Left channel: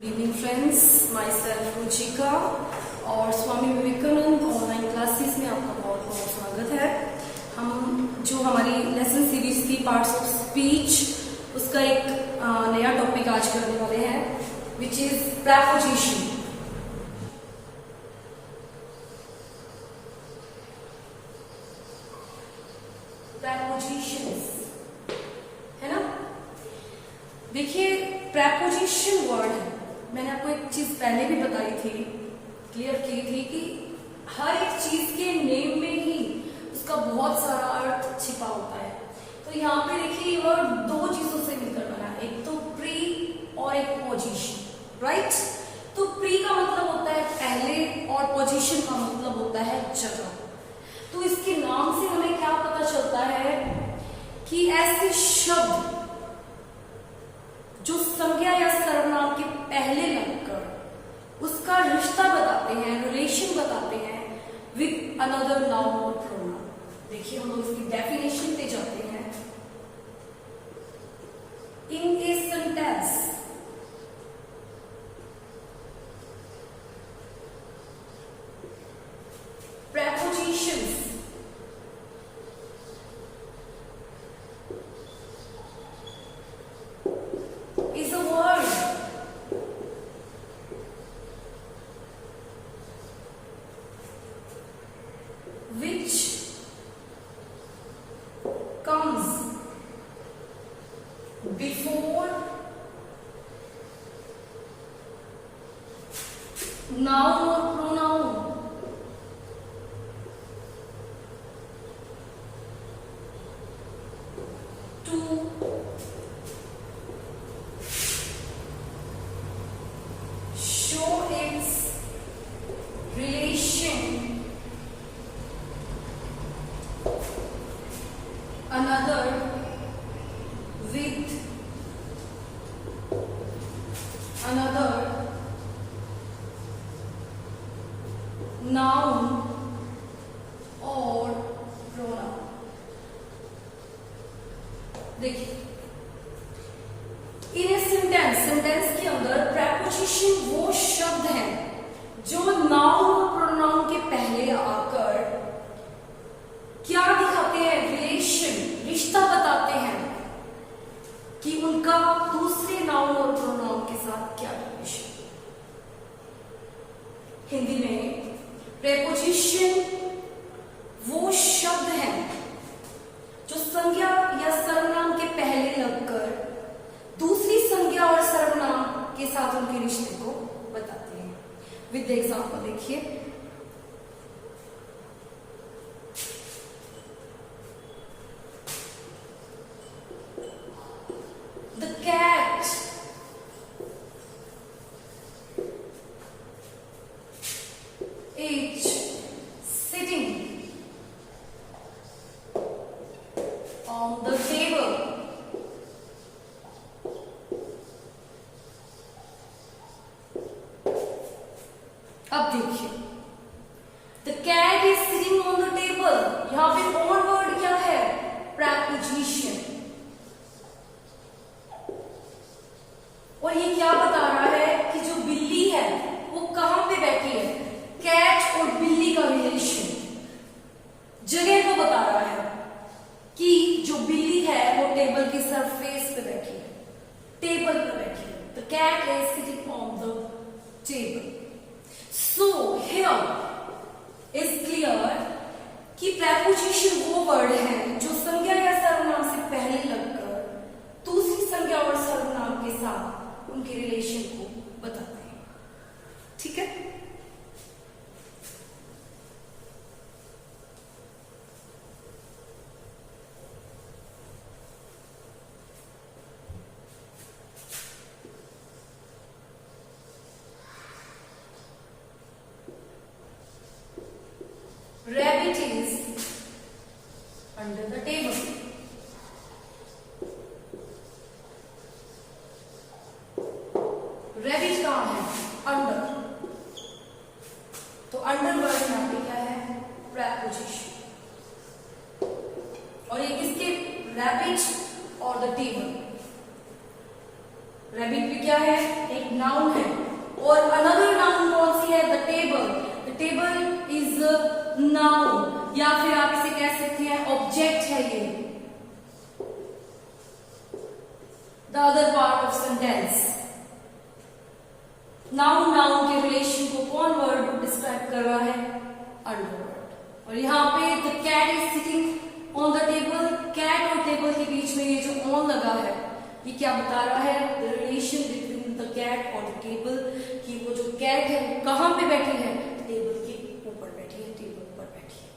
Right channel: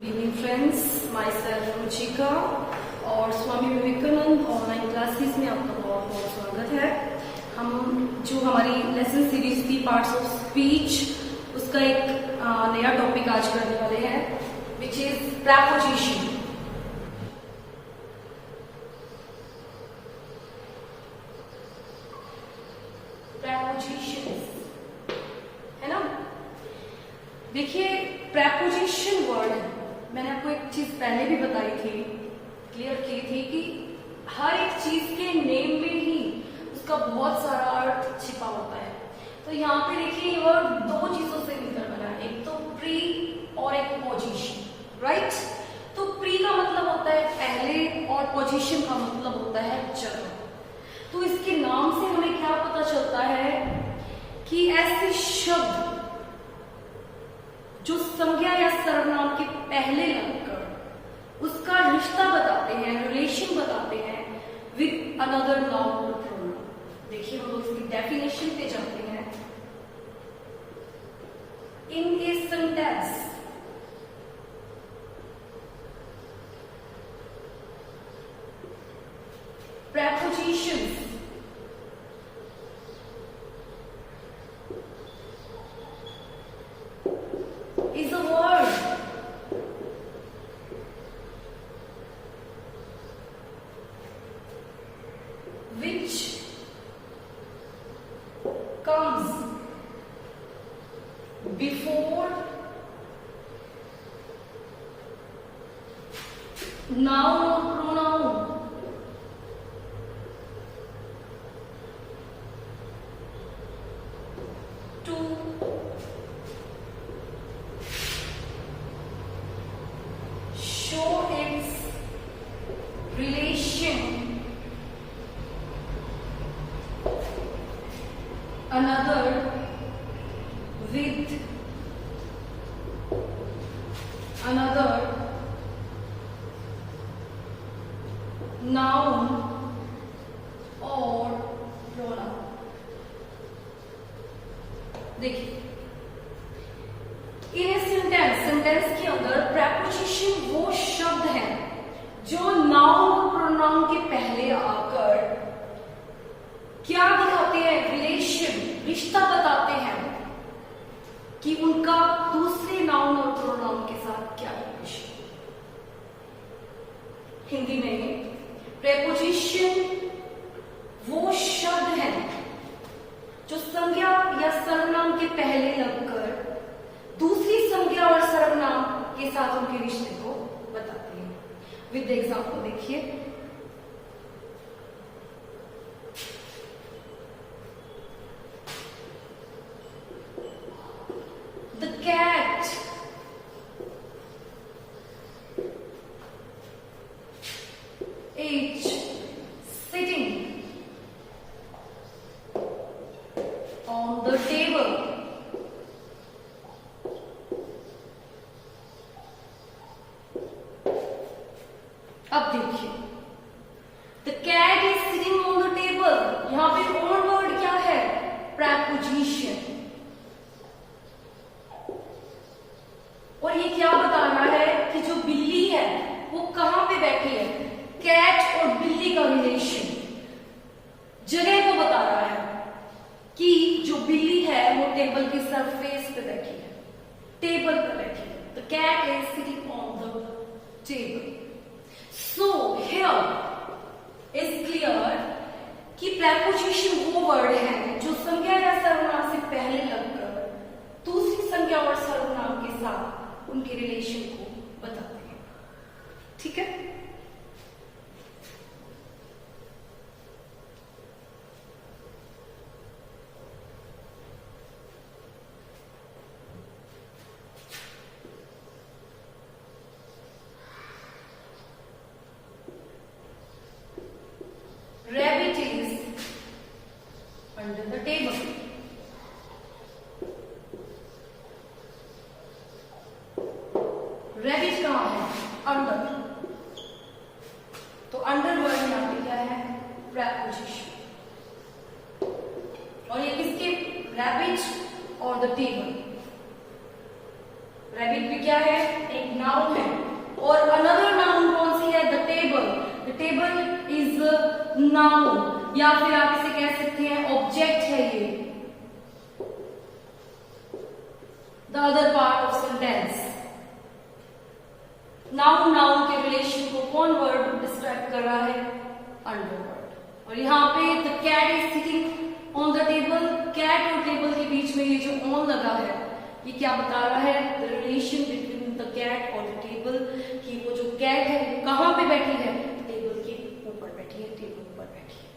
Good evening friends, my self Ruchika और Swami Vivekananda online classes में आपका बहुत बहुत स्वागत है। हम जो हमारी लेसन सीरीज थी पार्ट्स ऑफ स्पीच, उसका एक नया टॉपिक आज करने वाले हैं विच इज प्रेपोजिशन। प्रेपोजिशंस है ना। देखिए, प्रेपोजिशन वर्ड मैंने आपको एक चीज पहले भी बताई थी, क्लियर की थी कि हर एक चीज के नेम में ही उसका बहुत सारा अर्थ छिपा होता है। तो यहाँ पे देखिए ये वर्ड दो चीजों से मिलकर बना है, एक तो प्री और एक पोजीशन, राइट। तो प्री का मतलब होता है पहले और पोजीशन का मतलब होता है जगह। तो इसके नाम से हमें क्या पता चलता है कि ऐसे शब्द जो संज्ञा या सर्वनाम के पहले लगकर उसका रिश्ता बताते हैं, रिलेशन बताते हैं विद अनदर नाउन और प्रोनाउन। देखिए हम लोग इसकी डेफिनेशन पे जाते हैं। In a sentence prepositions is a word which comes before noun or pronoun to show its relation another with another noun और pronoun। देखिए इन सेंटेंस के अंदर प्रेपोजिशन वो शब्द हैं जो नाउन और प्रोनाउन के पहले आकर क्या दिखाते हैं, रिलेशन, रिश्ता बताते हैं कि उनका दूसरे नाउन और प्रोनाउन के साथ क्या रिलेशन। हिंदी में प्रेपोजिशन वो शब्द हैं जो संज्ञा या सर्वनाम के पहले लगकर दूसरी संज्ञा और सर्वनाम के साथ उनके रिश्ते को बताते हैं। विद एग्जाम्पल देखिए, the cat is sitting on the table। अब देखिए, the cat is sitting on the table, यहां पे on वर्ड क्या है, preposition। और ये क्या बता रहा है कि जो बिल्ली है वो कहां पे बैठी है। कैट और बिल्ली का रिलेशन जगह को बता रहा है कि जो बिल्ली है वो टेबल की सरफेस पे बैठी है, टेबल पे बैठी है। The cat is sitting on the table. So here is clear कि प्रेपोजिशन वो वर्ड है जो संज्ञा या सर्वनाम से पहले लगकर दूसरी संज्ञा और सर्वनाम के साथ उनके रिलेशन को बताते हैं। ठीक है। Rabbit is under the table। Rabbit कहाँ है, अंडर। तो अंडर वर्ड यहाँ पे क्या है, प्रेपोजिशन। और ये किसके, रैबिट और द टेबल। रैबिट भी क्या है, एक नाउन है। नाउन, या फिर आप इसे कह सकते हैं ऑब्जेक्ट है ये। The other part of sentence, noun के रिलेशन को कौन वर्ड डिस्क्राइब कर रहा है? अंडरवर्ड। और यहाँ पे the cat is sitting on the table, cat और टेबल के बीच में ये जो ऑन लगा है ये क्या बता रहा है? The relation between the cat और द टेबल, कि वो जो कैट है वो कहाँ पे बैठी है? टेबल के ऊपर बैठी है, टेबल ऊपर बैठी है।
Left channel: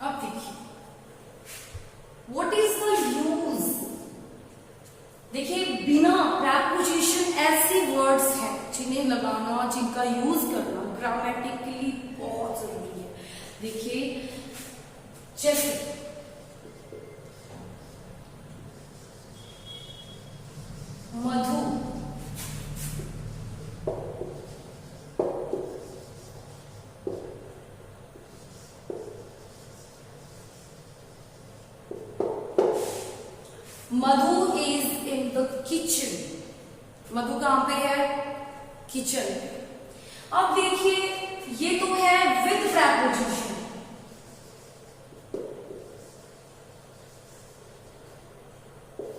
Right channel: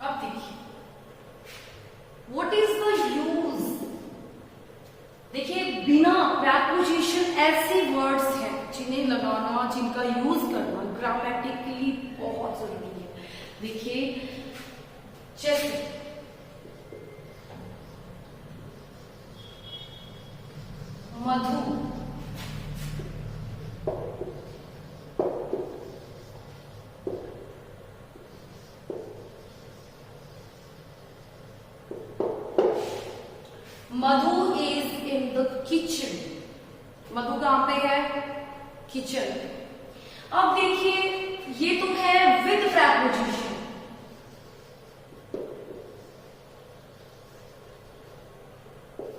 अब देखिए व्हाट इज द यूज। देखिए बिना प्रेपोजिशन ऐसे वर्ड्स हैं जिन्हें लगाना, जिनका यूज करना ग्रामेटिकली बहुत जरूरी है। देखिए जैसे मधु, मधु इज इन द किचन। मधु कहां पे है? किचन। अब देखिए ये तो है विद प्रेपोजिशन,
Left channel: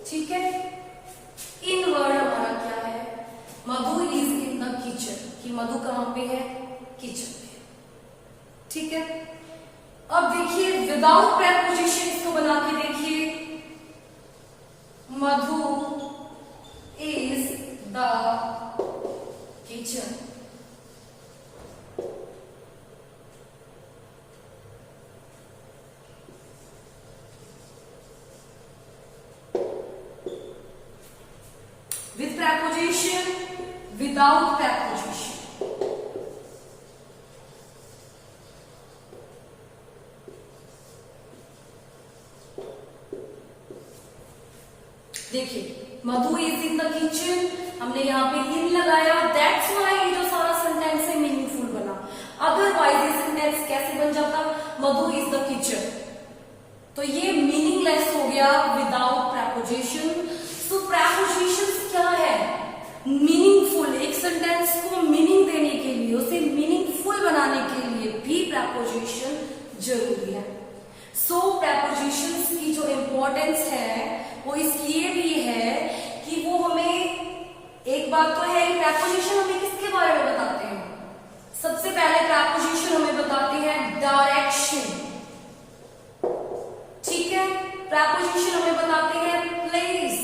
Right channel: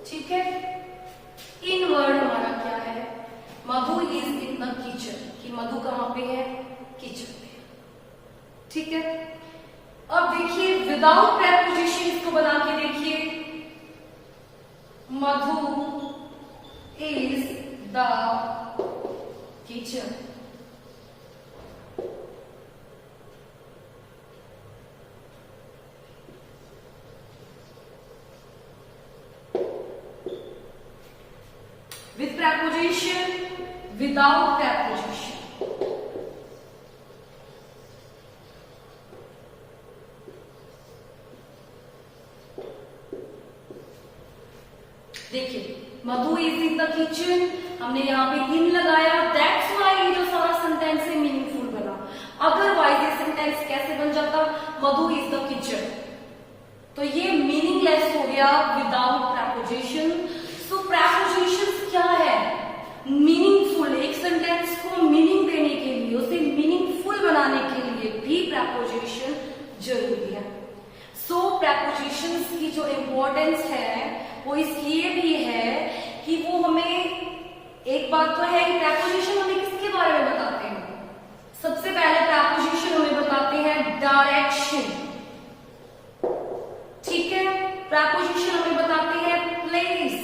ठीक है। इन वर्ड हमारा क्या है? मधु इज इन द किचन, कि मधु कहां पे है? किचन पे, ठीक है। अब देखिए विदाउट प्रेपोजिशन इसको बना के देखिए, Madhu is the kitchen. With preposition, without preposition. देखिए Madhu is in the kitchen, हमने यहाँ पे इन लगाया, दैट्स व्हाई ये जो सारा सेंटेंस है मीनिंगफुल बना। अदरवाइज ये सेंटेंस कैसे बन जाता? मधु इज द किचन, तो ये मीनिंगलेस हो गया विदाउट प्रेपोजिशन। तो प्रेपोजिशंस क्या है? मीनिंगफुल, एक सेंटेंस को मीनिंग देने के लिए, उसे मीनिंगफुल बनाने के लिए भी प्रेपोजिशन जरूरी है। सो प्रेपोजिशंस की जो इंपॉर्टेंस है वो इसलिए भी है कि वो हमें, एक बात तो है कि प्रेपोजिशन हमें किसके बारे में बताते हैं? सबसे पहले प्रेपोजिशन हमें बताते हैं डायरेक्शन, ठीक है। प्रेपोजिशन हमें बताते हैं प्लेस,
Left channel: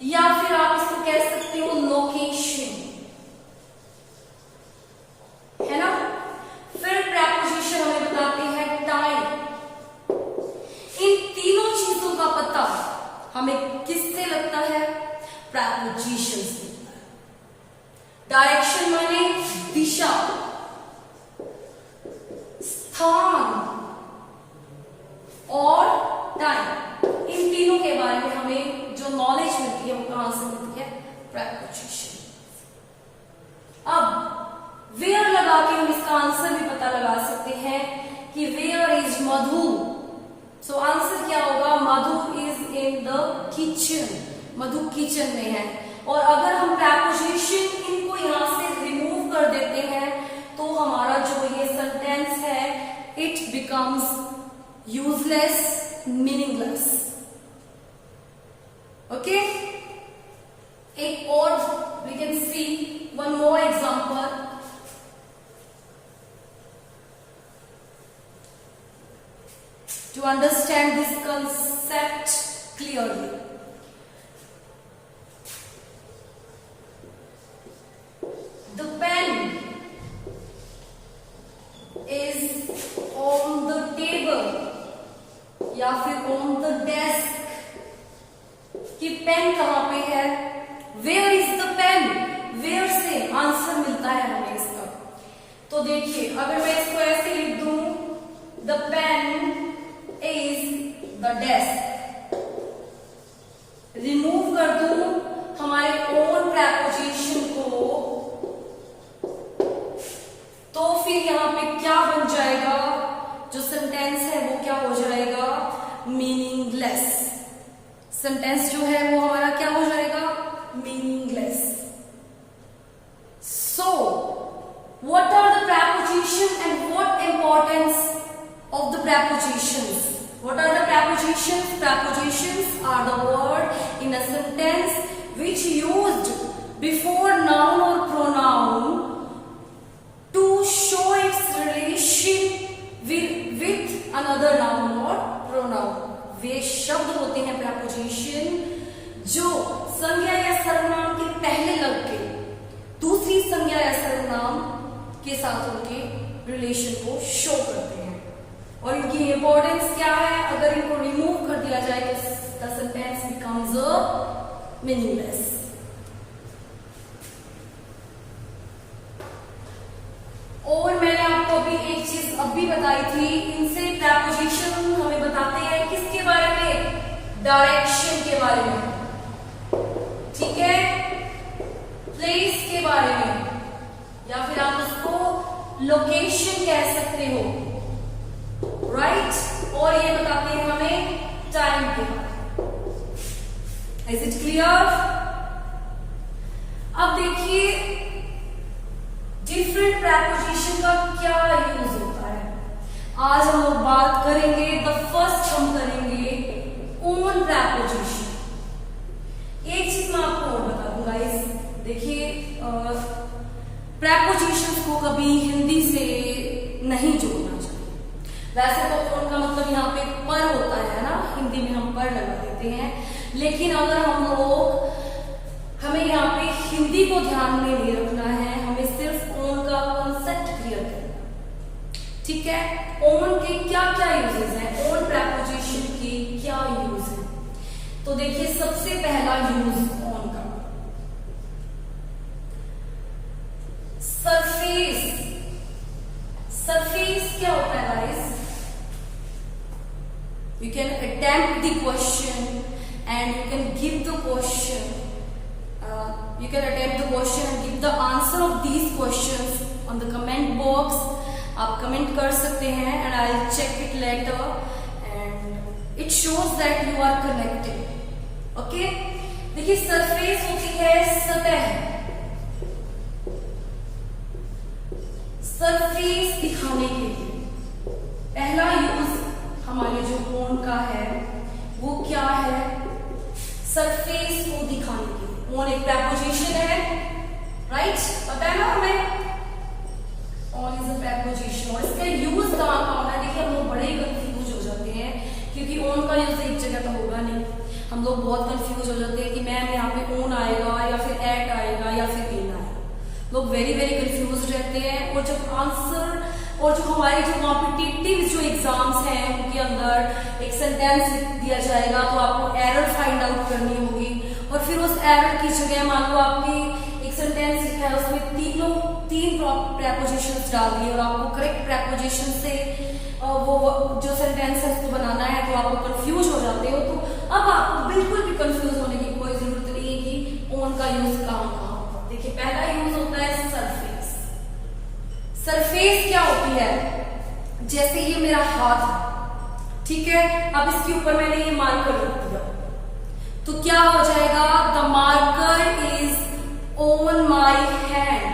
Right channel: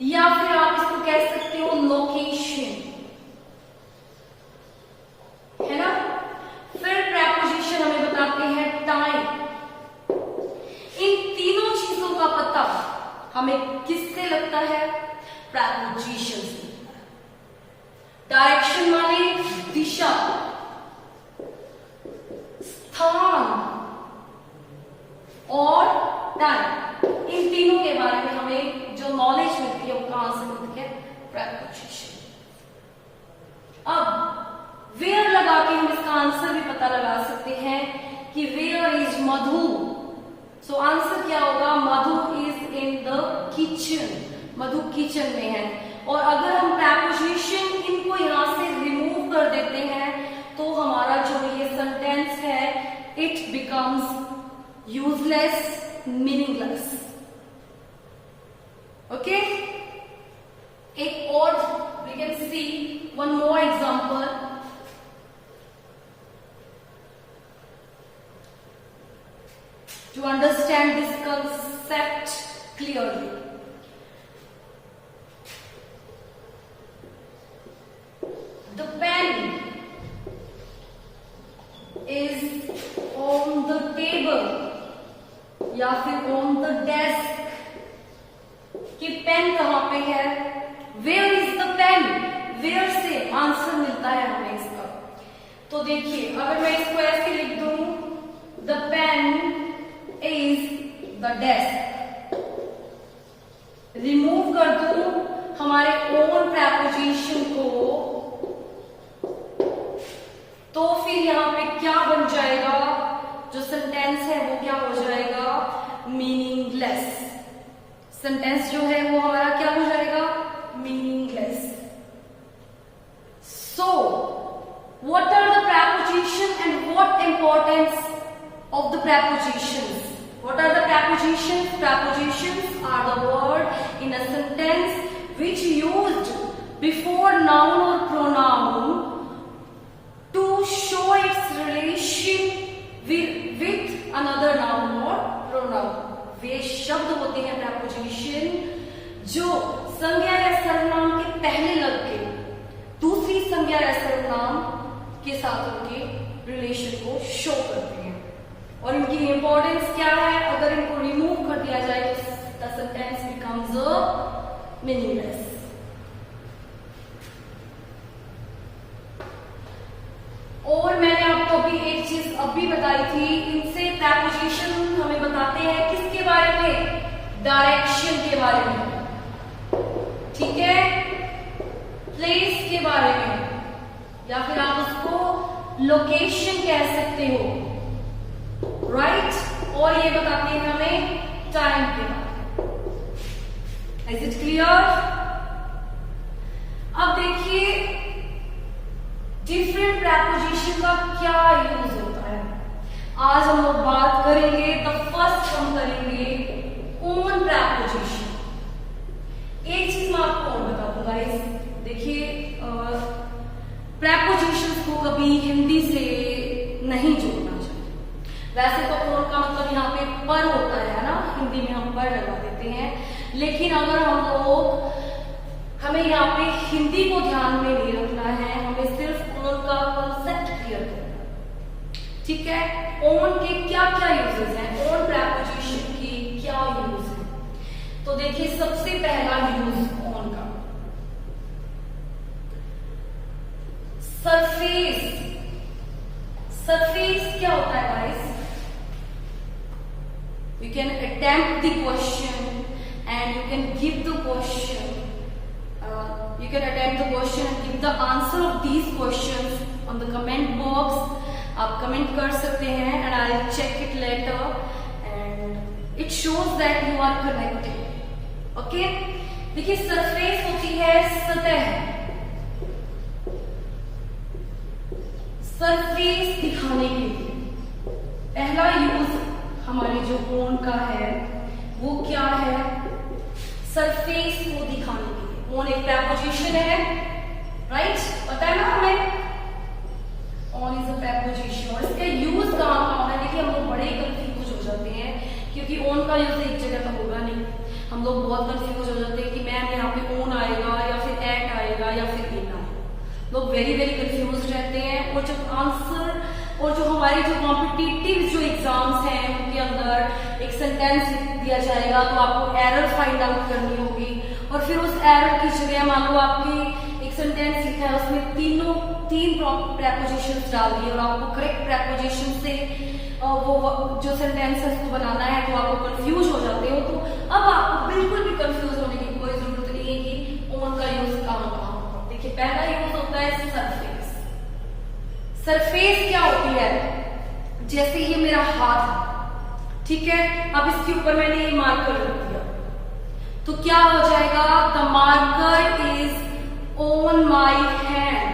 या फिर आप इसको कह सकते हो लोकेशन, है ना। फिर प्रेपोजिशन हमें बताते हैं टाइम। इन तीनों चीजों का पता हमें किससे लगता है? प्रेपोजिशन से। डायरेक्शन माने दिशा, स्थान और टाइम, इन तीनों के बारे में हमें जो नॉलेज मिलती है वो कहां से मिलती है? प्रेपोजिशन। अब वेयर लगा के हम इसका आंसर भी पता लगा सकते हैं कि where is Madhu. So answer क्या होगा? Madhu is in the kitchen, Madhu kitchen में है। और अगर हम प्रेपोजिशन इनको यहां से रिमूव कर देते हैं तो हमारा जो ये सेंटेंस है it becomes useless, meaningless. Okay, एक और we can see one more example. To understand this concept clearly, the pen is on the table या फिर on the desk, कि पेन कहां पे है? Where is the pen? Where से answer मिलता है हमें इसका। तो देखिए अगर मैं इसको ऐसे लिख दूं, the pen is the desk, remove कर दूं हमारे ओन प्रेपोजिशन को, तो फिर यहां पे क्या बन जाएगा? जो सेंटेंस है वो क्या हो जाएगा, मीनिंगलेस। सेंटेंस जो है वो हमारा क्या हो जाएगा, meaningless. So what are the prepositions and what importance of the prepositions? What are the prepositions? Prepositions are the word in a sentence which used before noun or pronoun to show its relation with another noun or pronoun. वे शब्द होते हैं preposition जो संज्ञा या सर्वनाम के पहले लगते दूसरी संज्ञा या सर्वनाम के साथ उनके रिलेशन को शो करते हैं। और इनकी इंपॉर्टेंस क्या है, अगर इनको रिमूव कर दिया जाए तो द सेंटेंस बिकम्स मीनिंगलेस। और मैंने आपको अभी एक चीज अभी बताई थी, इनसे प्रेपोजिशन हमें बताते हैं किसके बारे में, डायरेक्शन के बारे में, ठीक है, प्लेस के बारे में, या फिर आप उसको लोकेशन कह सकते हो, राइट। और ये बताते हैं हमें टाइम के बारे में। Is it clear? अब देखिए डिफरेंट प्रेपोजिशन का क्या यूज होता है। आज हम लोग बात करेंगे, द फर्स्ट हम करेंगे ओन प्रेपोजिशन। एक चीज मैं आपको और बता दूं गाइस, देखिए प्रेपोजिशंस को कभी हिंदी से नहीं जोड़ना चाहिए। वैसे तो ओन का मतलब यहाँ पे पर होता है ना, हिंदी में हम पर लगा देते हैं, लेकिन अगर हमें यहाँ पे हिंदी को ध्यान में नहीं रखना है, हमें सिर्फ ओन का कॉन्सेप्ट क्लियर करना, ठीक है। ओन के क्या क्या यूजेस हैं, ओन प्रेपोजिशन के क्या यूज है, तो देखिए सबसे पहला यूज ओन का, सरफेस। सरफेस क्या होता है guys, you can attempt the question and you can give the question, you can attempt the question and give the answer of these questions on the comment box. आप comment कर सकते हैं and I'll check it later and it shows that you are connected. Okay? देखिए surface होती है सतह, surface दिखाने के लिए पहला यूज हमारे जो ओन का है वो क्या है, सरफेस को दिखाने के लिए। ओन एक प्रेपोजिशन है, राइट, पता है ना हमें, ओन इज अ प्रेपोजिशन। और इसका यूज कहाँ कहाँ है, देखिए हम लोग बड़े कंफ्यूज हो जाते हैं क्योंकि ओन का यूज एक जगह तो होगा नहीं, हम लोग बहुत कंफ्यूज हो जाते हैं कि मैम यहाँ पे ओन आएगा या फिर एट आएगा या फिर इन आएगा, लोग वेरी वेरी कंफ्यूज रहते हैं। और जब आंसर और जो हमारे जो कॉम्पिटिटिव जो एग्जाम्स हैं उनके अंदर एक सेंटेंस लिख दिया जाएगा तो आपको एरर फाइंड आउट करनी होगी, और फिर उस एरर की जगह मान लो आपकी एक सेंटेंस लिखा है उसमें तीन प्रेपोजिशंस डाल दिए और आपको करेक्ट प्रेपोजिशन से वो जो सेंटेंस है उसको बनाना है, तो आपको कंफ्यूज हो जाते हो। तो अब आपको बिल्कुल भी कंफ्यूज होने की कोई जरूरत नहीं है कि ओन का यूज कहाँ। देखिए पहला यूज होता है सरफेस। सरफेस क्या होती है, जैसे ये मेरा हाथ है, ठीक है, अब इसके ऊपर मैंने ये मार्कर रख दिया तो क्या हो जाएगा, the marker is on my hand,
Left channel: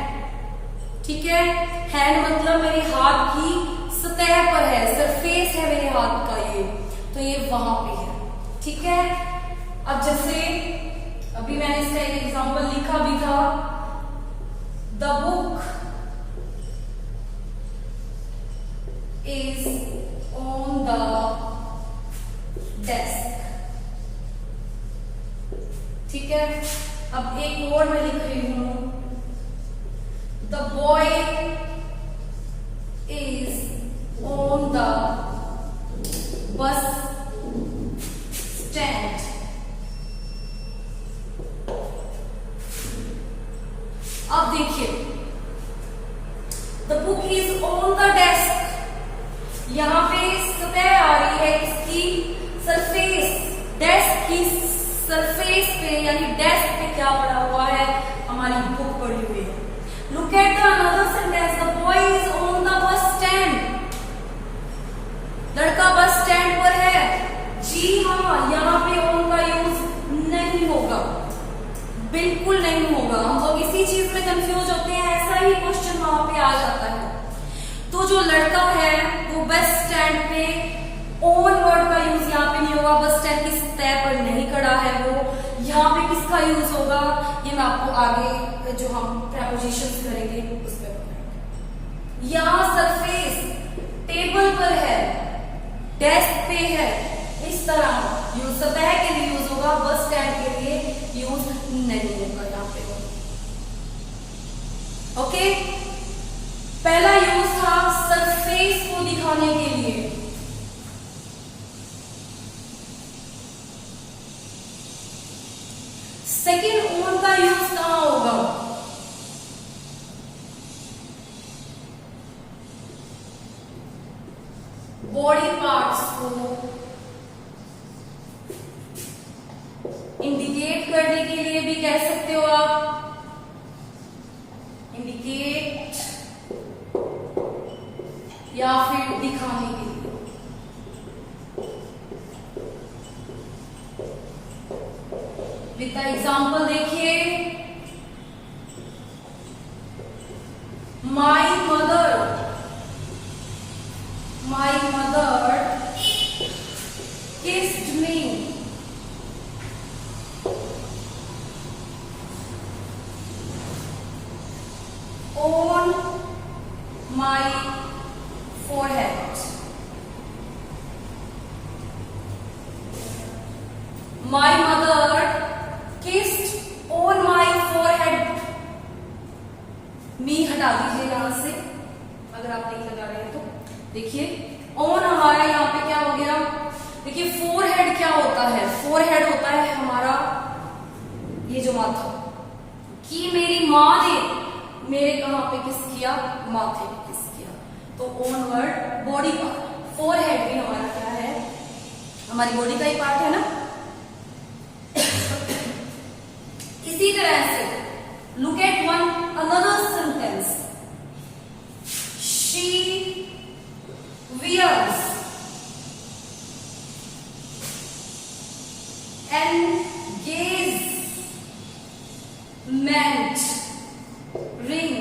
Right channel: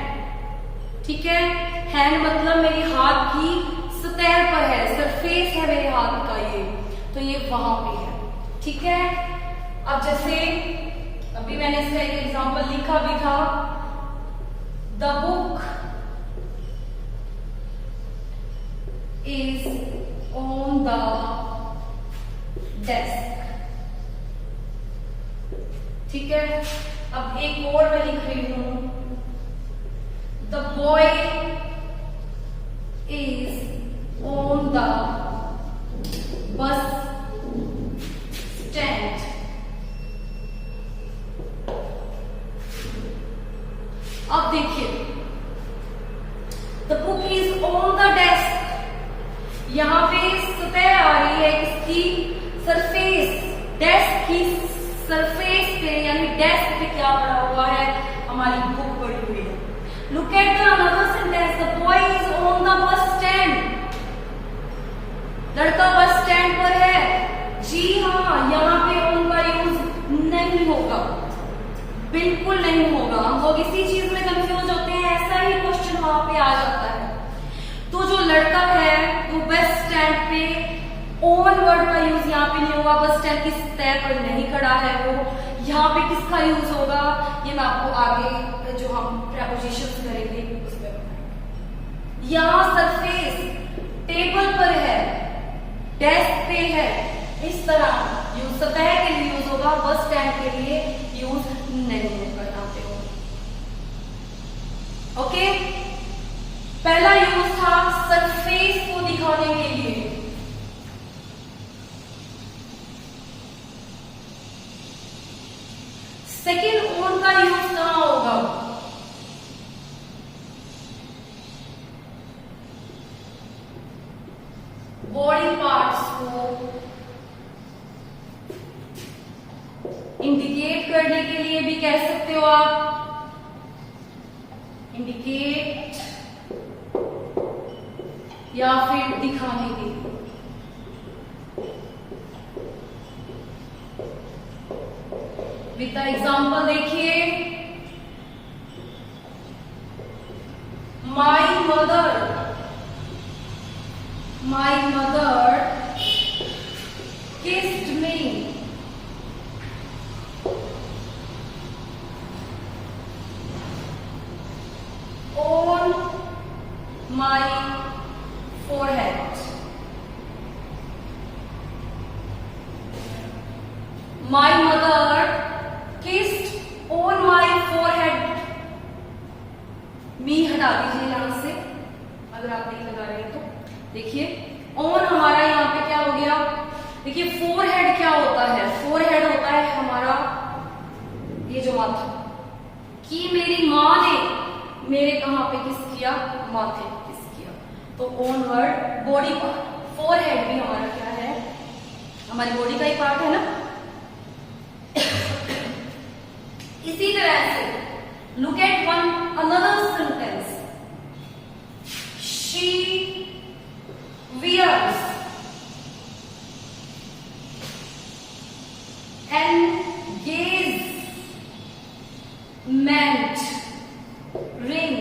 ठीक है। हैंड मतलब मेरे हाथ की सतह पर है, सरफेस है मेरे हाथ का ये, तो ये वहां पे है, ठीक है। अब जैसे अभी मैंने इसका एक एग्जांपल लिखा भी था, the book is on the desk, ठीक है। अब एक और मैं लिख रही हूं, the boy is on the bus stand, अब देखिए the book is on the desk, यहां पे सतह आ रही है इसकी सरफेस, डेस्क की सरफेस पे यानी डेस्क पे क्या पड़ा हुआ है, हमारी बुक पड़ी हुई है। Look at the another sentence, the boy is on the bus stand, लड़का बस स्टैंड पर है, जी हाँ, यहाँ पे ऑन का यूज नहीं होगा, बिल्कुल नहीं होगा। हम लोग इसी चीज में कंफ्यूज होते हैं, ऐसा ही क्वेश्चन वहां पे आ जाता है। तो जो लड़का है वो बस स्टैंड पे ऑन वर्ड का यूज यहाँ पे नहीं होगा, बस स्टैंड की सतह पर नहीं खड़ा है वो, यहाँ पे किसका यूज होगा ये मैं आपको आगे जो हम प्रेपोजिशंस करेंगे उसमें बताएंगे। यहाँ सरफेस टेबल पर है, डेस्क पे है, इस तरह यूज सतह के लिए यूज होगा, बस स्टैंड के लिए यूज नहीं होगा यहाँ पे। ओके, पहला यूज था सरफेस को दिखाने के लिए। सेकेंड ऑन का यूज कहां होगा? बॉडी पार्ट्स को इंडिकेट करने के लिए भी कह सकते हो आप, इंडिकेट या फिर दिखाने के लिए। विद द एग्जाम्पल देखिए, my mother kissed me, on my forehead. My mother kissed on my forehead. मी हटा दीजिए यहां से अगर आप नहीं लगा रहे हैं तो। देखिए ऑन हमारा यहाँ पे क्या हो गया, देखिए फोरहेड क्या होता है, फोरहेड होता है हमारा ये जो माथा, कि मेरी माँ ने मेरे कहां पे किस किया, माथे पे किस किया। तो on word body part, forehead भी हमारा क्या है, हमारी बॉडी का ही पार्ट है ना। इसी तरह से look at one another sentence, she wears engagement ring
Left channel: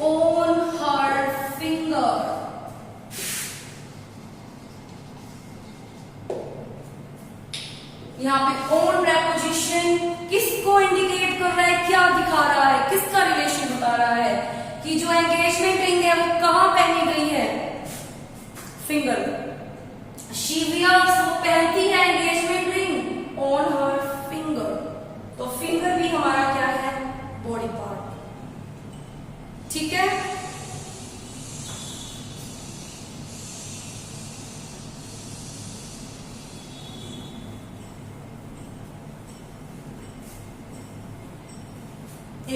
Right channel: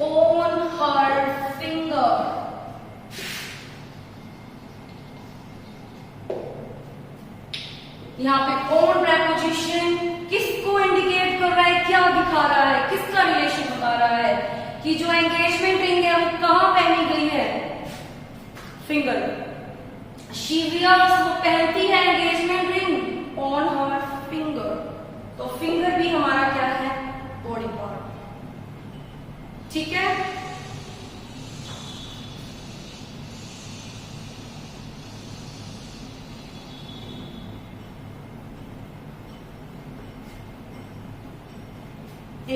on her finger. यहाँ पे ऑन प्रेपोजिशन किसको इंडिकेट कर रहा है, क्या दिखा रहा है, किसका रिलेशन बता रहा है कि जो एंगेजमेंट रिंग है वो कहां पहनी गई है, फिंगर। शी वियर्स, वो पहनती है engagement ring on her finger. तो फिंगर भी हमारा क्या है, बॉडी पार्ट। ठीक है,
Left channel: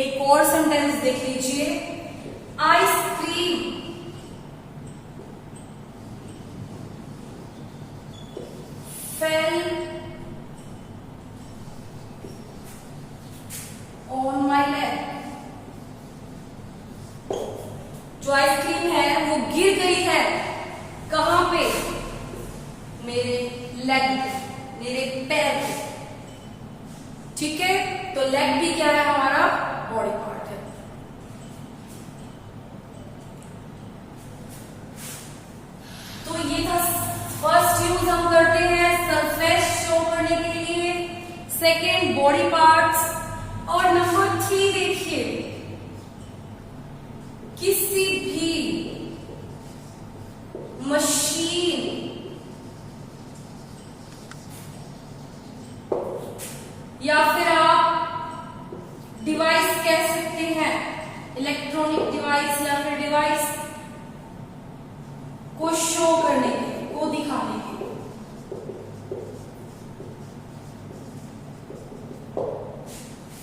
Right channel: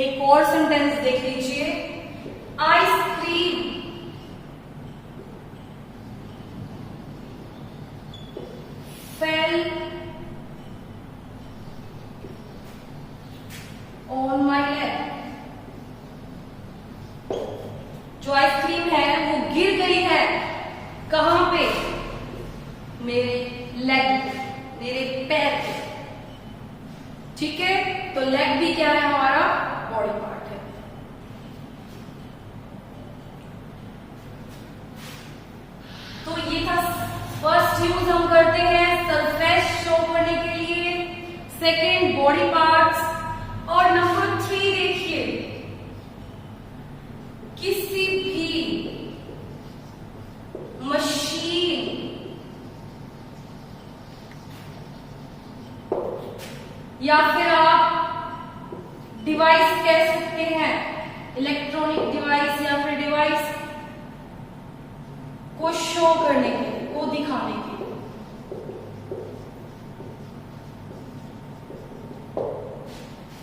एक और सेंटेंस देख लीजिए, ice cream fell on my leg. जो आइसक्रीम है वो गिर गई है कहां पे, मेरे लेग पे, मेरे पैर पे। ठीक है, तो लेग भी क्या है हमारा, बॉडी पार्ट है। तो ये था फर्स्ट यूज हम करते हैं सरफेस शो करने के लिए, सेकेंड बॉडी पार्ट्स, और नंबर 3 देखिए, किसी भी मशीन या फिर आप डिवाइस कह सकते हैं, इलेक्ट्रॉनिक डिवाइस या फिर डिवाइस को शो करने के लिए, को दिखाने के लिए।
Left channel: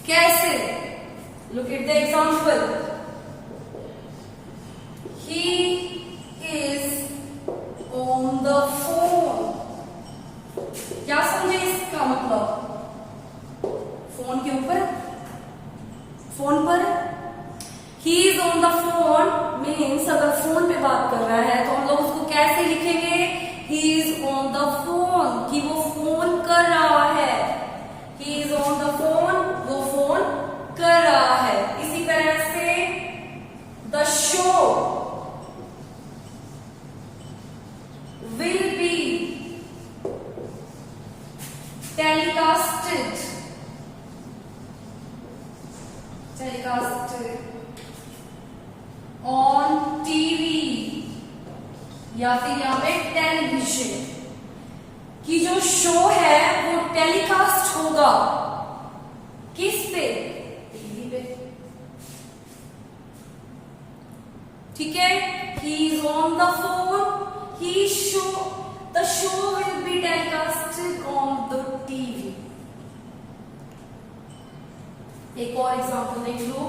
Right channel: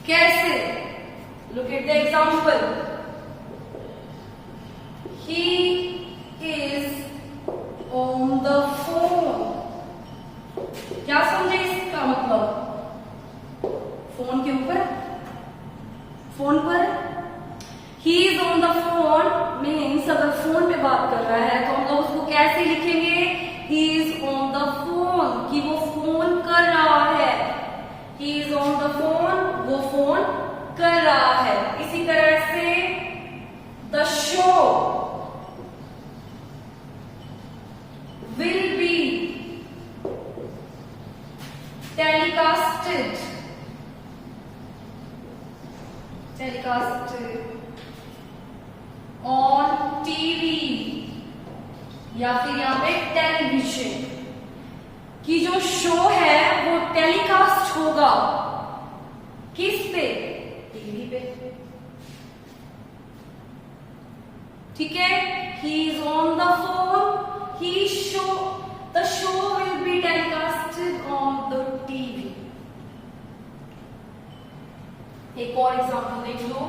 कैसे, look at the example, he is on the phone. क्या समझे इसका मतलब, फोन के ऊपर, फोन पर। He is on the phone means means अगर फोन पे बात कर रहा है तो हम लोग उसको कैसे लिखेंगे, he is on the phone, कि वो फोन कर रहा है, he is on the phone, वो फोन कर रहा है। इसी तरह से the show will be telecasted on TV या फिर यहाँ पे टेलीविजन, कि जो शो है वो टेलीकास्ट होगा किस पे, टीवी पे। ठीक है, he is on the phone, the show will be telecasted on the TV। एक और एग्जांपल देख लो,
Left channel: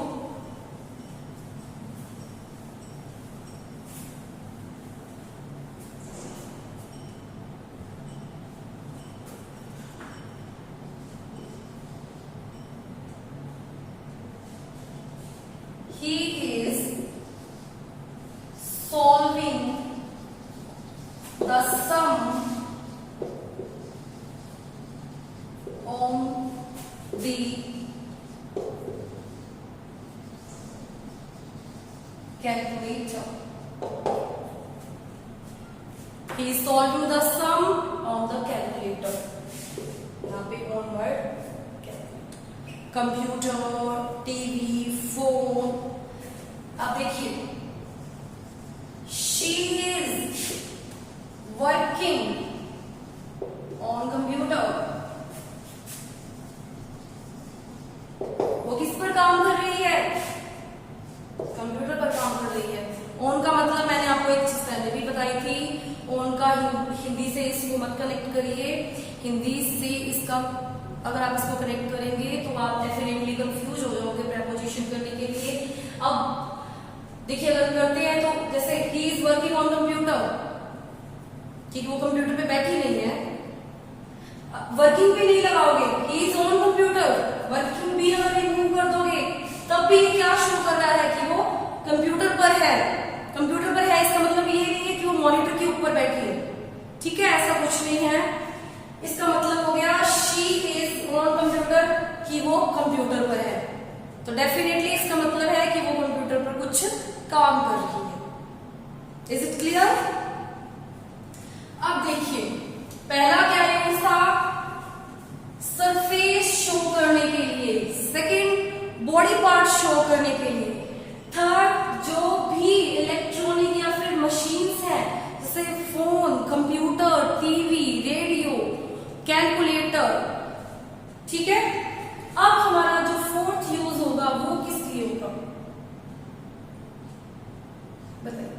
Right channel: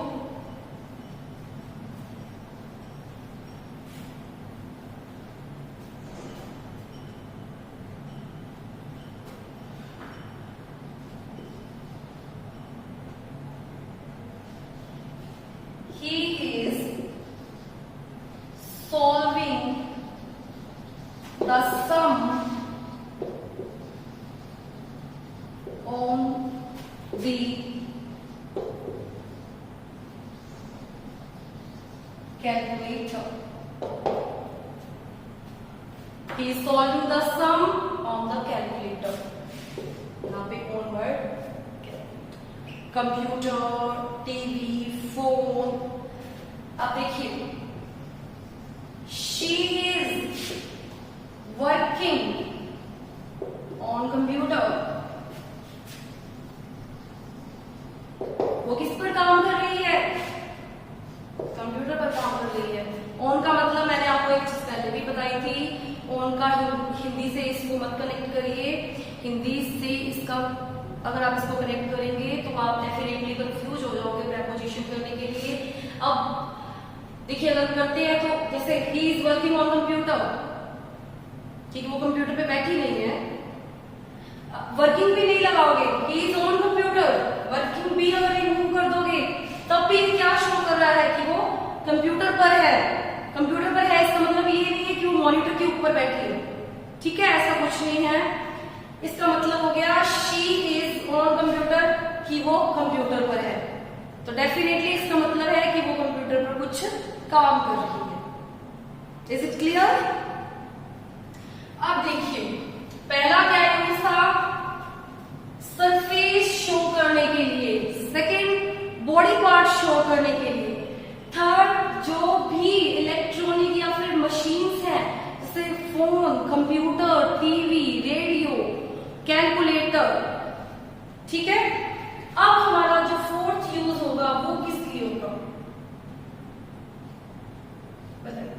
he is solving the sum on the calculator, he is solving the sum on the calculator। यहाँ पे on word, computer, TV, phone. अब देखिए, she is working on computer, वो किस पर काम कर रही है, कंप्यूटर पर काम कर रही है। ऑन का मतलब मैंने आपको एक चीज पहले भी बताई थी, ऑन का हिंदी से इसको मत कनेक्ट करिए, हिंदी से इसका अगर आप इसको कनेक्ट करेंगे तो आप डेफिनेटली कंफ्यूज हो जाओगे प्रेपोजिशन करने के लिए। अब देखिए, अगर करते हैं तो जैसे he is working on computer, ठीक है, वो कंप्यूटर पे बैठी नहीं है, वर्किंग पे नहीं लगाओगे, he is on computer, working भी अगर रिमूव कर दोगे तब भी क्या शो कर रहा है कि वो कंप्यूटर पर है। कंप्यूटर पर है इसका मतलब ये नहीं है कि वो मॉनिटर के ऊपर बैठी है, ठीक है, ऐसा कुछ नहीं है। इसका मतलब हो गया शी इज ऑन कंप्यूटर, कि वो कंप्यूटर पर है, तो डेफिनेटली इसका मतलब है कि वो कंप्यूटर पर कुछ काम कर रही है। Is it clear? अब देखिए, पहला क्या यूज था, सरफेस शो करने के लिए, सेकंड बॉडी पार्ट शो करने के लिए, थर्ड जो भी इलेक्ट्रॉनिक या फिर मशीन्स हैं जैसे phone, computer, TV, radio, calculator, ठीक है। अब हमारा जो फोर्थ यूज होगा वो किस लिए होगा बताइए।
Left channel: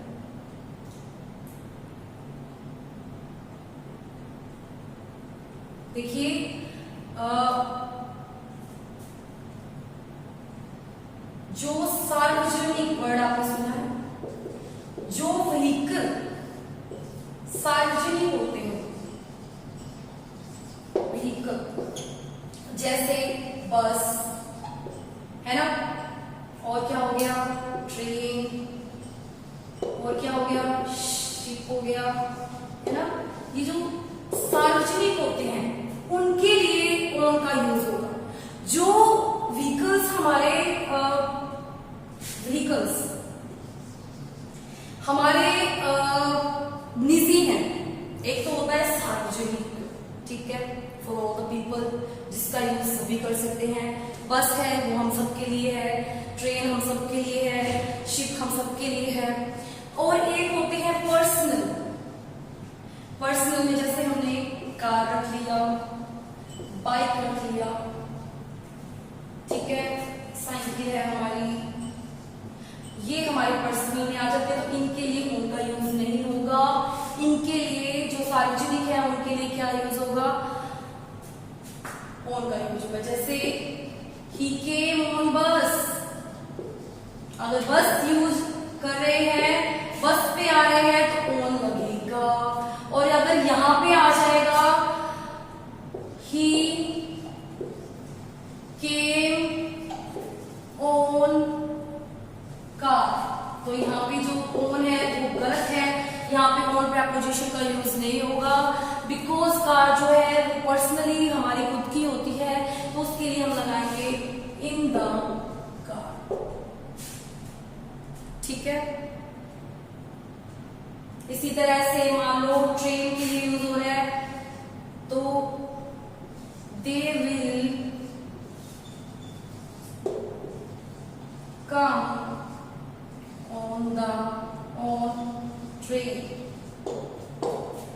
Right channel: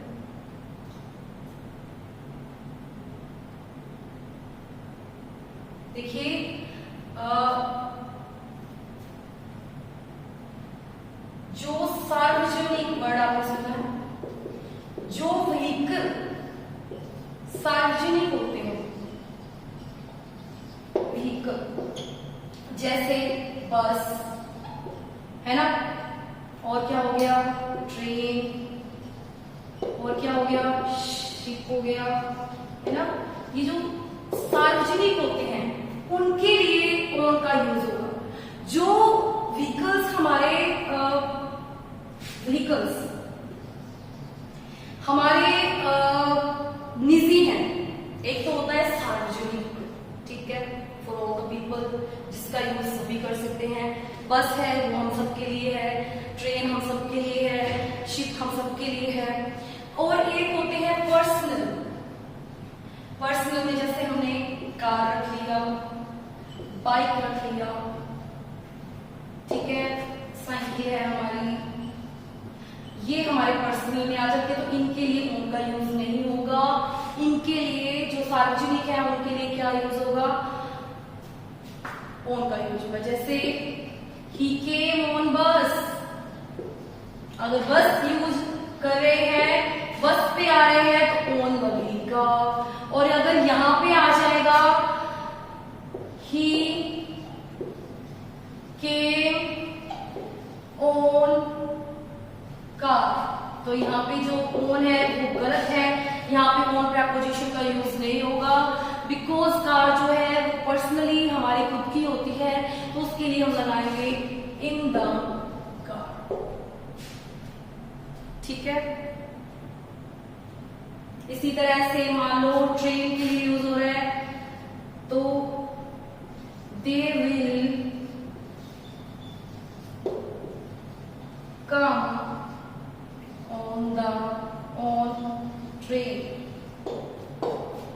देखिए, जो सार्वजनिक वर्ड आपने सुना है, जो व्हीकल सार्वजनिक होते हैं, व्हीकल जैसे बस है ना, और क्या हो गया, ट्रेन, और क्या हो गया, शिप हो गया, है ना। ये जो सार्वजनिक होते हैं उनके लिए ऑन का यूज होगा। जो व्हीकल्स हमारे निजी हैं, एक तो होता है सार्वजनिक, ठीक है, फॉर ऑल द पीपल, जिसका यूज सभी कर सकते हैं। बस है वो हम सबके लिए है, ट्रेन हम सबके लिए है, शिप हम सबके लिए है। और एक होते हैं पर्सनल, पर्सनल में जैसे हमने कार रख लिया, बाइक रख लिया, ठीक है, साइकिल है हमारी, ये हमारे पर्सनल में आ जाते हैं, तो इनके लिए उनका यूज नहीं होगा। इनके लिए जो सार्वजनिक है उनके लिए क्या यूज होगा, ऑन का यूज होगा। जैसे ही केम ऑन बस, अगर बस यूज कर रहे हैं, बस पे आ रहे हैं तो ऑन लगेगा। और अगर यहां पे आ जाएगा ही केम ऑन कार, तो यहाँ पे जो ऑन है वो गलत है, यहाँ पे ऑन प्रेपोजिशन का यूज नहीं होगा। बिकॉज कार जो है पर्सनली हमारी खुद की होती है, तो उसके लिए हम लगाएंगे इन द कार। ठीक है, इसी तरह से मान लो ट्रेन के लिए यूज हो रहा है, तो they will come on the on train,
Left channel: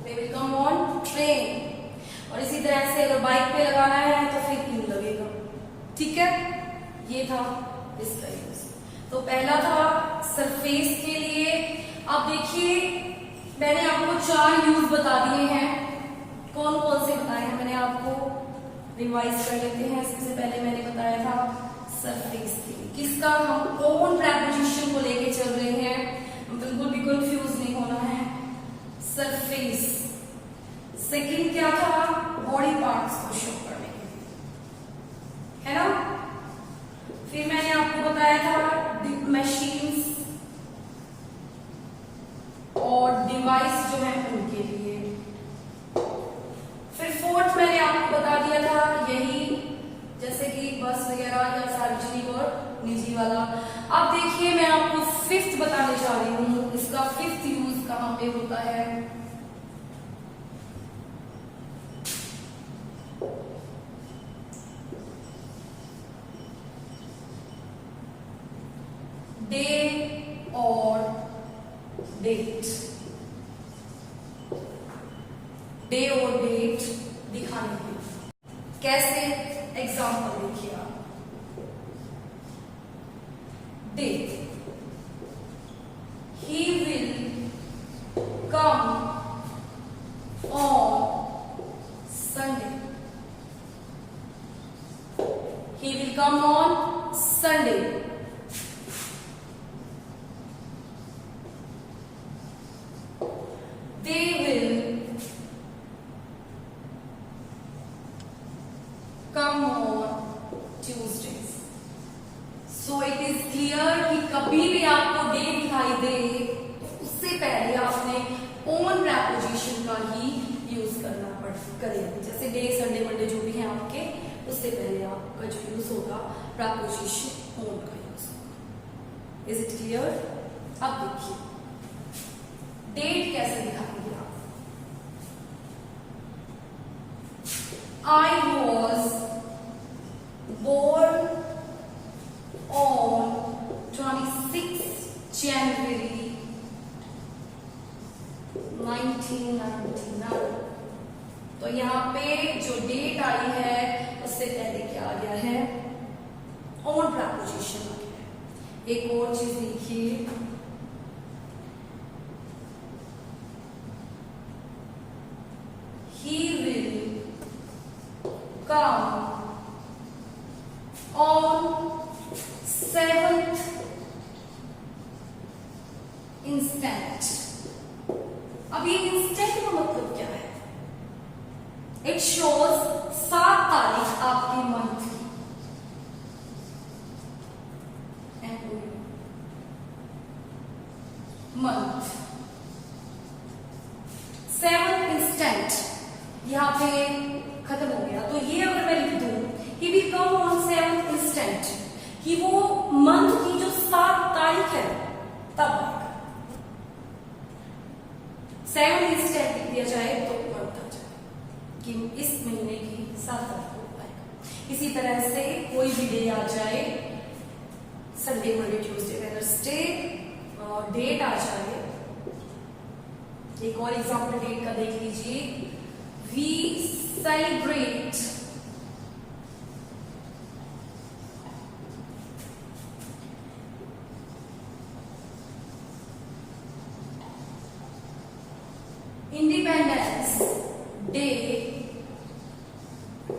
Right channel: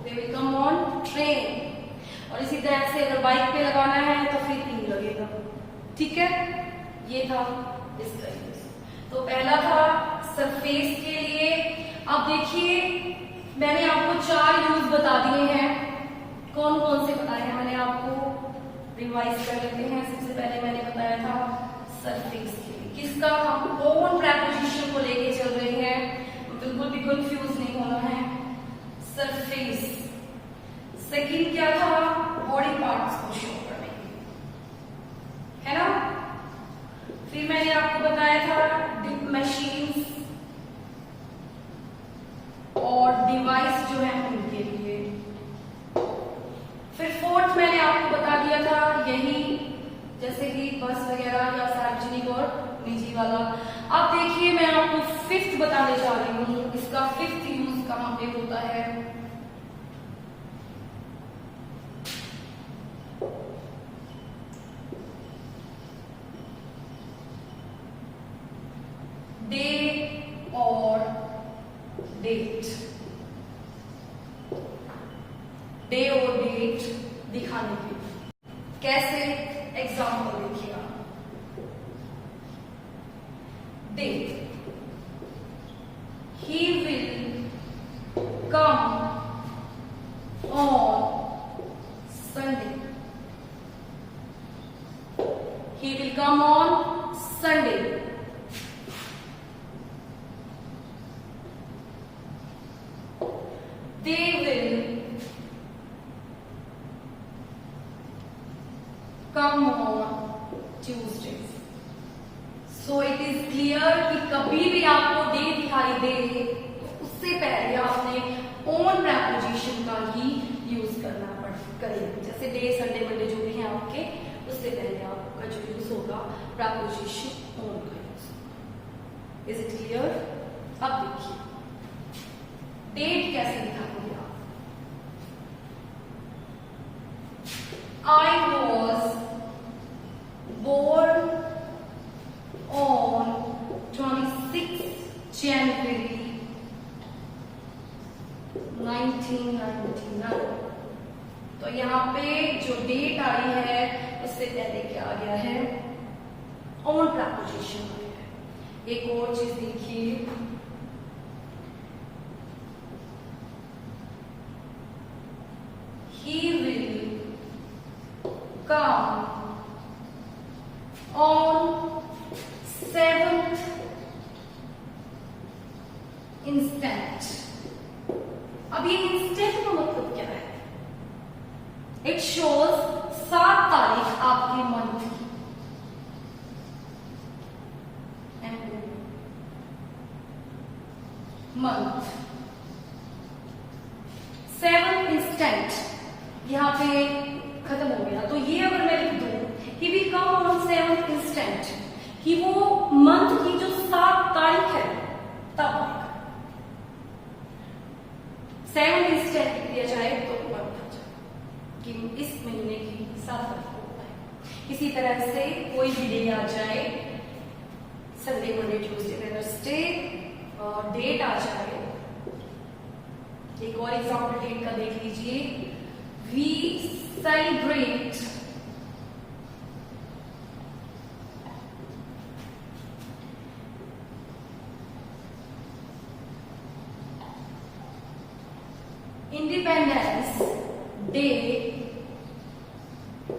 they will come on train. और इसी तरह से अगर बाइक पे लगाना है तो फिर इन लगेगा। ठीक है, ये था इसका यूज। तो पहला था सरफेस के लिए। अब देखिए मैंने आपको 4 यूज बता दिए हैं, कौन कौन से बताए हैं मैंने आपको, रिवाइज कर लेते हैं। सबसे पहले मैंने बताया था सरफेस के लिए, किसका हम कौन प्रेपोजिशन को लेके चल रहे हैं, बिल्कुल भी कंफ्यूज नहीं होना है, सरफेस। सेकंड क्या था, बॉडी पार्ट्स को शो करने के लिए, है ना। फिर मैंने आपको बताया था मशीन्स और डिवाइस जो है उनके लिए। फिर फोर्थ मैंने आपको बता दिया था यही, जैसे कि बस वगैरह या सार्वजनिक और निजी वाला। अब देखिए मैं आपको फिफ्थ बताने जा रही हूँ, इसका फिफ्थ यूज कहाँ पे होता है। डे और डेट, डे और डेट दिखाने के लिए। कैसे, एग्जाम्पल देखिए आप, date, he will come on Sunday, he will come on Sunday। They will come on Tuesdays। So it is clear कि कभी भी आपको डे दिखाई दे तो उससे पहले आपने ऑन प्रेपोजिशन का ही यूज करना करेगा। जैसे डे, संडे, मंडे जो भी है आपके, उससे पहले आपका जो यूज होगा प्रेपोजिशन ऑन का यूज होगा। Is it clear? अब देखिए डेट कैसे दिखाएंगे आप। I was born on 26 January 1999। तो यहाँ पे जो डेट आई है उससे पहले क्या आ गया है, ऑन प्रेपोजिशन आ गया है। एक और चीज देखिए, he will come on 7th instant। अब ये इंस्टेंट का मतलब क्या है? इट शोज 7 तारीख आपके मंथ की, मंथ 7th instant यहाँ पे खत्म हो गया। तो ये अगर मैं लिख दूं he will come on 7th instant, कि वो मंथ की जो 7 तारीख है तब आएगा। 7th instant लिख दिया जाए तो मंथ आ जाए कि इस महीने की 7 तारीख को आएगा। इसी तरह से कोई भी डे आ जाए, Sunday, Monday, Tuesday, Wednesday, date आ जाए। एक और एग्जाम्पल डेट का देख लीजिए, we celebrate Independence Day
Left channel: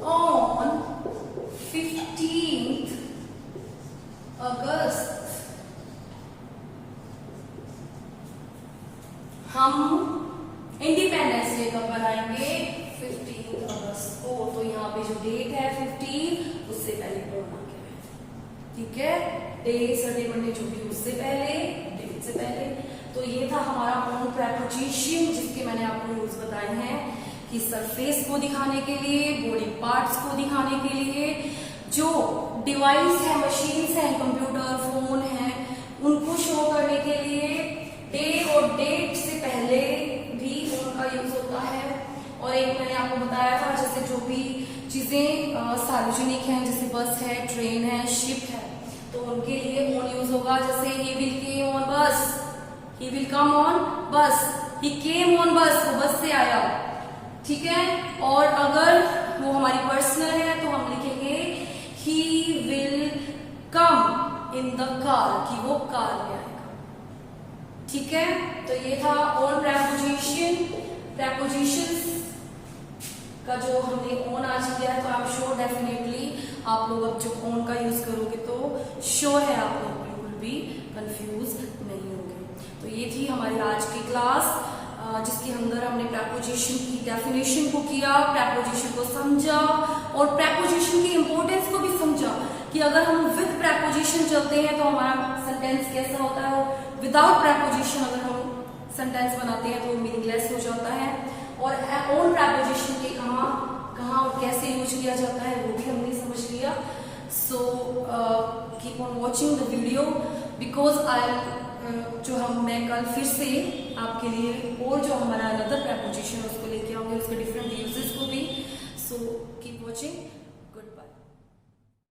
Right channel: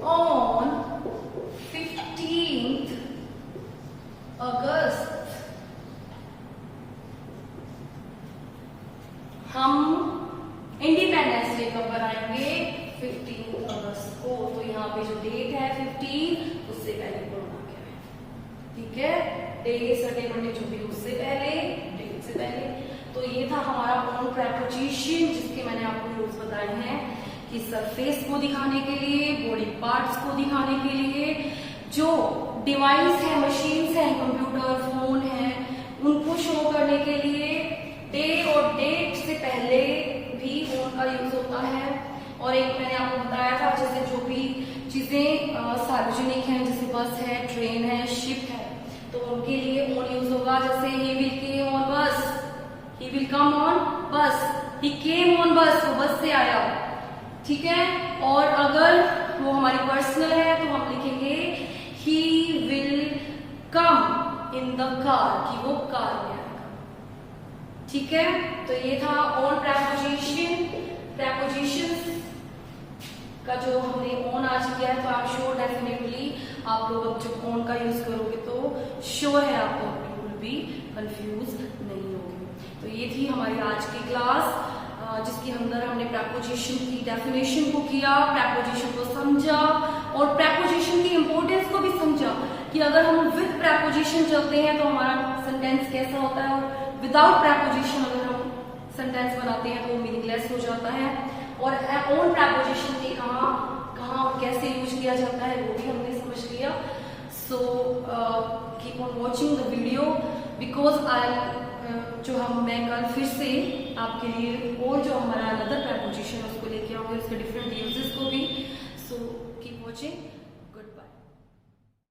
on 15th August. हम इंडिपेंडेंस डे कब बनाएंगे? 15 अगस्त को। तो यहाँ पे जो डेट है 15, उससे पहले बोलना क्या है, ठीक है। डे, संडे, मंडे जो भी उससे पहले डेट प्रेपोजिशन जिसके मैंने आपको यूज बताए हैं कि सरफेस को दिखाने के लिए, बॉडी पार्ट्स को दिखाने के लिए, जो डिवाइस है, मशीन्स हैं, कंप्यूटर, फोन है, उनको शो करने के लिए डे और डेट से पहले भी उनका यूज होता है। और एक मैंने आपको बताया था जैसे जो भी चीजें सार्वजनिक हैं, जैसे बस है, ट्रेन है, शिप है, तो उनके लिए ओन यूज होगा। जैसे ही विल केम ऑन बस, ही विल कम ऑन बस, ही केम ऑन बस, वो बस से आया, ठीक है। और अगर वो हमारी पर्सनल है तो हम लिखेंगे he will come in the car, कि वो कार में आएगा, ठीक है। तो ये था ऑन प्रेपोजिशन, प्रेपोजिशंस का जो हमने ऑन आज किया है। तो आप श्योर डेफिनेटली आप लोग अब जब ऑन का यूज करोगे तो श्योर है आप लोग बिल्कुल भी कंफ्यूज नहीं होंगे। तो ये थी हमारी आज की क्लास जिसके अंदर हमने प्रेपोजिशन की डेफिनेशन को किया, प्रेपोजिशन को समझा और प्रेपोजिशन की इंपॉर्टेंस को भी समझा कि अगर हम विद प्रेपोजिशन चलते हैं तो हमारा सेंटेंस कैसा होता है, और विदाउट प्रेपोजिशन अगर हम सेंटेंस बनाते हैं तो वो मीनिंगलेस हो जाता है। और ऑन प्रेपोजिशन के कहाँ और कैसे यूज किया जाता है वो भी हमने समझ लिया। So keep on watching the video because मैं कल फिर से आपके लिए और जो हमारा अनदर प्रेपोजिशन है उसको लेके आऊंगी, उसके डिफरेंट यूजेस को भी। So keep watching.